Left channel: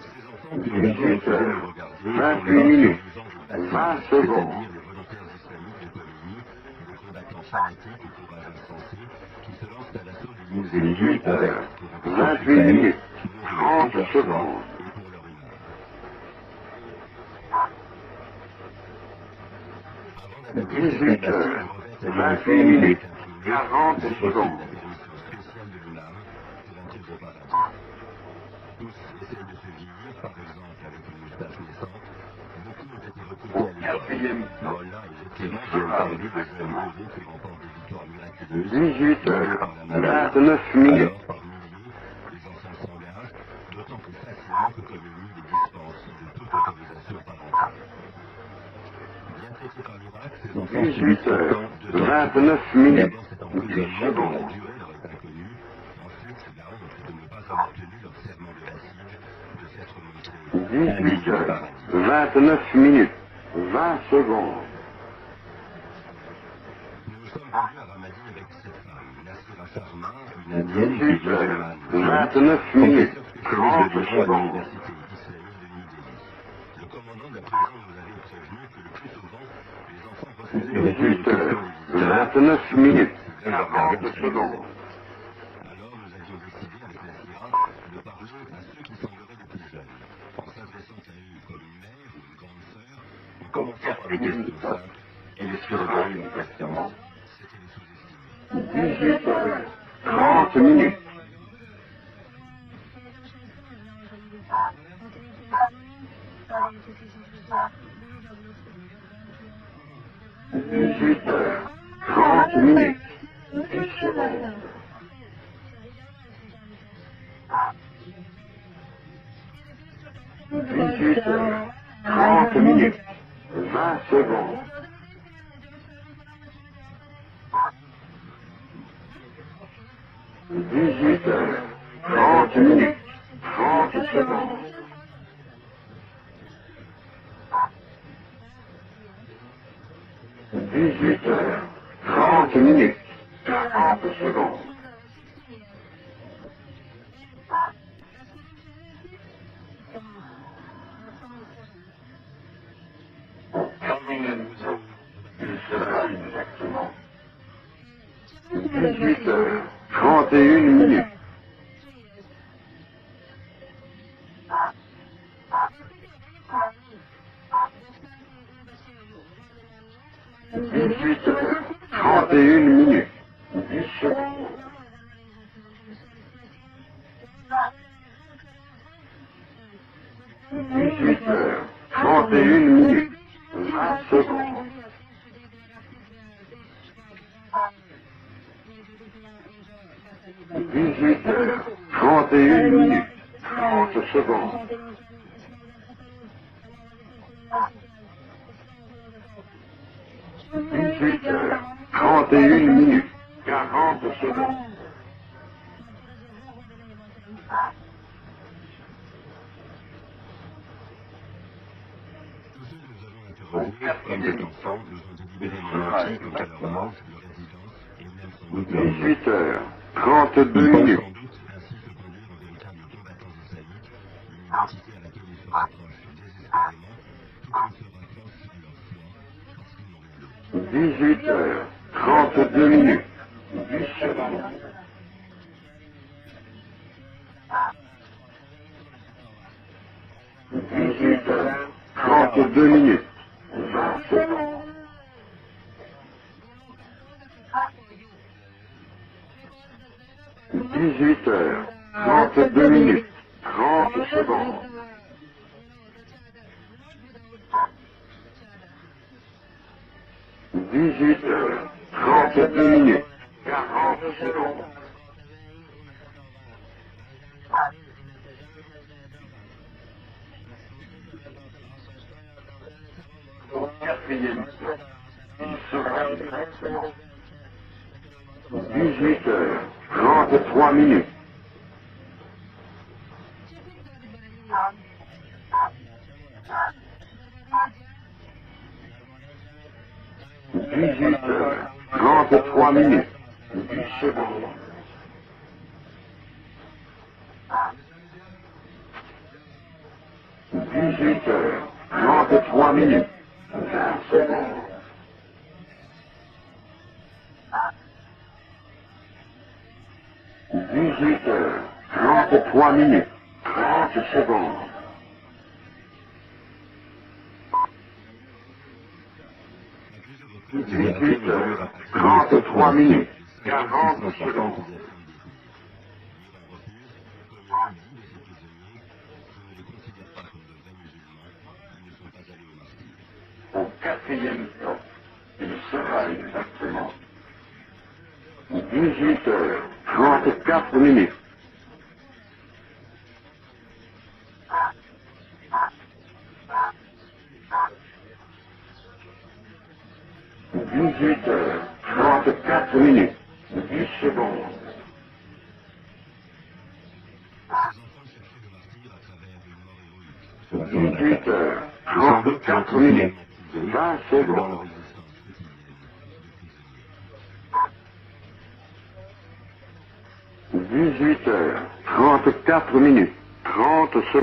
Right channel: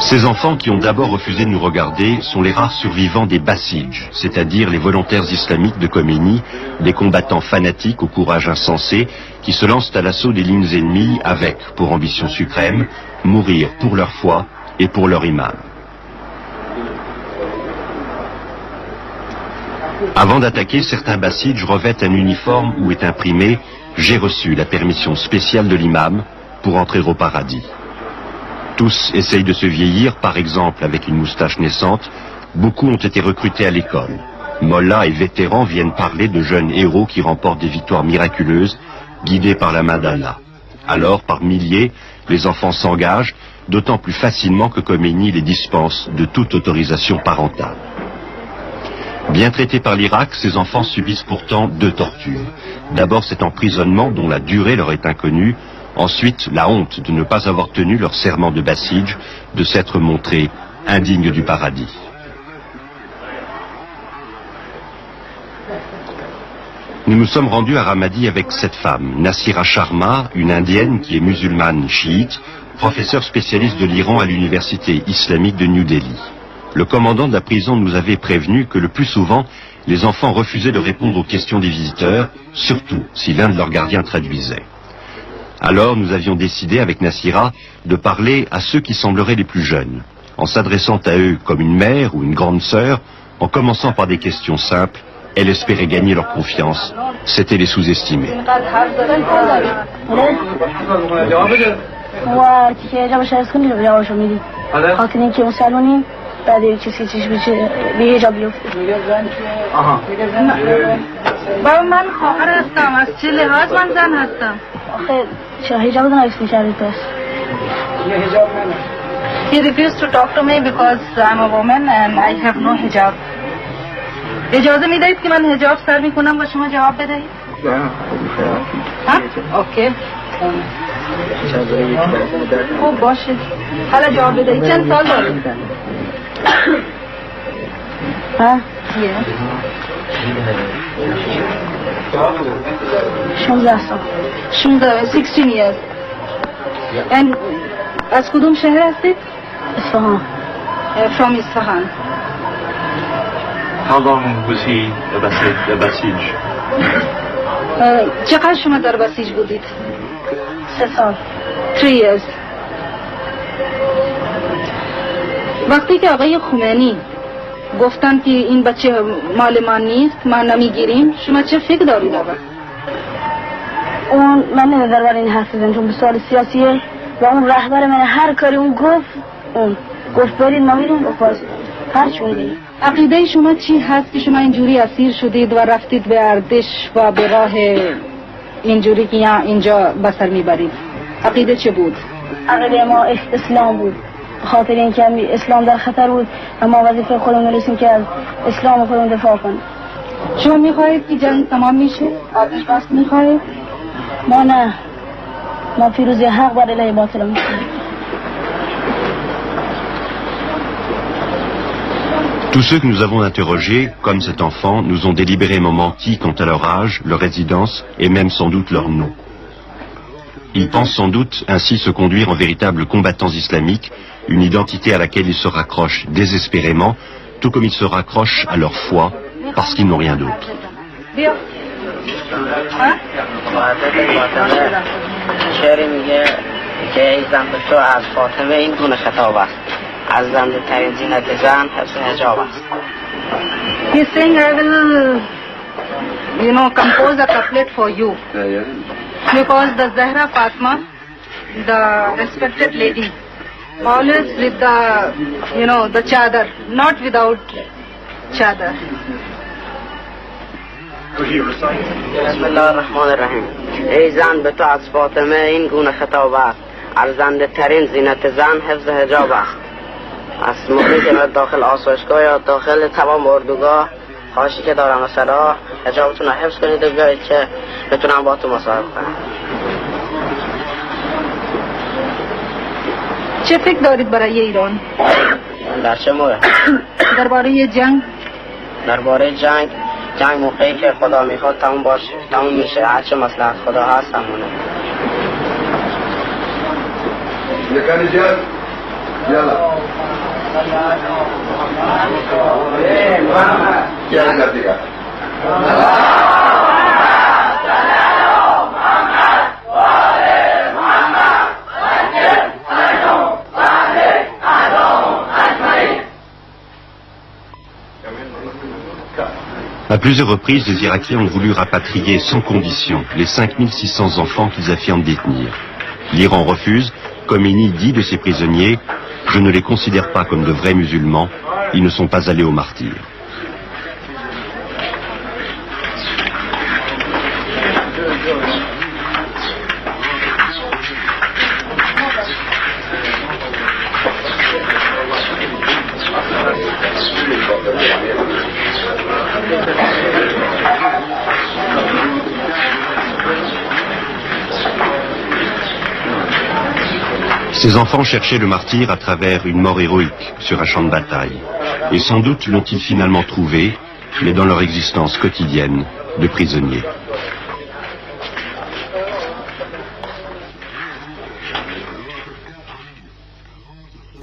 Ces enfants qui ont d'abord refusé de nous regarder sont les rares survivants des Bassidj, c'est-à-dire les volontaires islamiques de Khomeini, des combattants fanatiques au courage insensé qui se lancent à l'assaut des lignes ennemies avec, pour ambition suprême, mourir pour leur foi et pour leur imam. Avant d'attaquer, certains Bassidj revêtent un uniforme où est imprimé « J'ai reçu la permission spéciale de l'imam pour entrer au paradis ». Tous essayent de se vieillir, par exemple avec une moustache naissante. Beaucoup ont été recrutés à l'école. Mollahs et vétérans viennent parler de jeunes héros qui remportent des victoires miraculeuses, guidés par la main d'Allah. Alors, par milliers, les enfants s'engagent, d'autant plus facilement que Khomeini les dispense de toute autorisation parentale. Bien traités par l'Irak, ces enfants subissent pourtant 2 tortures. D'abord cet emprisonnement dont la durée leur est inconnue. Ensuite, la honte de ne pas avoir tenu leur serment de Bassidj, de s'être montrés indignes du paradis. 29 minutes, 20 secondes. Nous nous sommes rendus à Ramadi avec cette femme, Nasira Sharma, une indienne qui est musulmane chiite, professeure spécialiste de l'Iran à l'université islamique de New Delhi. Le commandant de la prison nous avait prévenu que le plus souvent, les enfants refusaient de répondre aux questions des visiteurs, surtout si l'un de leurs gardiens traduisait. Alors nous avions décidé avec Nasira de parler à ceux qui sembleraient les plus jeunes, en s'adressant à eux comme une mère ou une grande sœur, en commençant par des questions simples. Elle espérait gagner leur confiance, c'était les sous-estimer. He refused to talk to me because I'm a woman and I have no hijab. اجازه میدهید که من حجاب سر میکنم و شما جواب بدهید؟ ها؟ اوکی. خب باشه. حالا جواب بدهید. چند سال دارید؟ ها؟ 16 سال. 16 years. And از کدوم شهر هستید؟ اصفهان. From Isfahan. How long was he a Basij? چقدر شما در بسیج بودید؟ 3 سال. 3 years. وقتی که آقای خمینی گفتن که این بچه مال من نیست، ما نمیگیریم، شما چه فکر دارید آقا؟ اون من نمیدار برای این حرف بزنم چون به سوال سیاسیه و اون رهبر من هر کاری اون گفت برید ما میریم گفت باز عقیده شما چی هست که شما اینجوری اسیر شدید و رفتید به اردش و به راه اینجوری که اینجا بسر میبرید؟ عقیده چه بود؟ عقیده ما اسلام بود، خاطر اینکه اسلام در خطر بود و ما وظیفه خودمون رسیم که از اسلام خودمون دفاع کنیم. شما میخواهید که جنگ تمام میشه؟ آتش بس میخواهید؟ ما نه، ما پیروزی حق بر علیه باطل میخواهیم. Tous ceux que nous avons interrogés, comme cet enfant, nous ont délibérément menti quant à leur âge, leur résidence et même sans doute leur nom. Ils pensent sans doute ainsi se conduire en véritables combattants islamiques, une identité à laquelle ils se raccrochent désespérément, tout comme ils se raccrochent à leur foi, parce qu'ils n'ont rien d'autre. ارزنده ترین زینت زن حفظ حجاب است. He's saying I will, compose a couplet for you. Because the Zahra Fatma, the respected lady, always with the chadar, not without chadar. بسم الله الرحمن الرحیم. ای زن به تو از فاطمه این گونه خطاب است. ارزنده ترین زینت زن حفظ حجاب است. از موقعی که داخل آسایشگاه یا داخل تمام اردوگاه خواهشی که دارم مثلا حجابتون رو حفظ کنید و بیایید که بتونم با تو مصاحبه کنم. چه فکر دارید برای ایران؟ در چه مورد؟ درباره جنگ؟ درباره جنگ موقعی که خدا میخواد تموم باشه، تموم میشه، هرچه مصلحت خدا هست تمومه. 33 minutes. 33 minutes. 30 secondes. À plusieurs reprises, les Irakiens ont voulu rapatrier sans condition les 5600 enfants qu'ils affirment détenir. L'Iran refuse. Khomeini dit de ces prisonniers: « Je ne les considère pas comme de vrais musulmans, ils ne sont pas allés au martyr. » Minutes. Ces enfants cherchaient le martyr à travers une mort héroïque sur un champ de bataille. Et sans doute l'ont-ils finalement trouvé, mais dans leur existence quotidienne de prisonniers. 18h, 34 minutes, 30 secondes.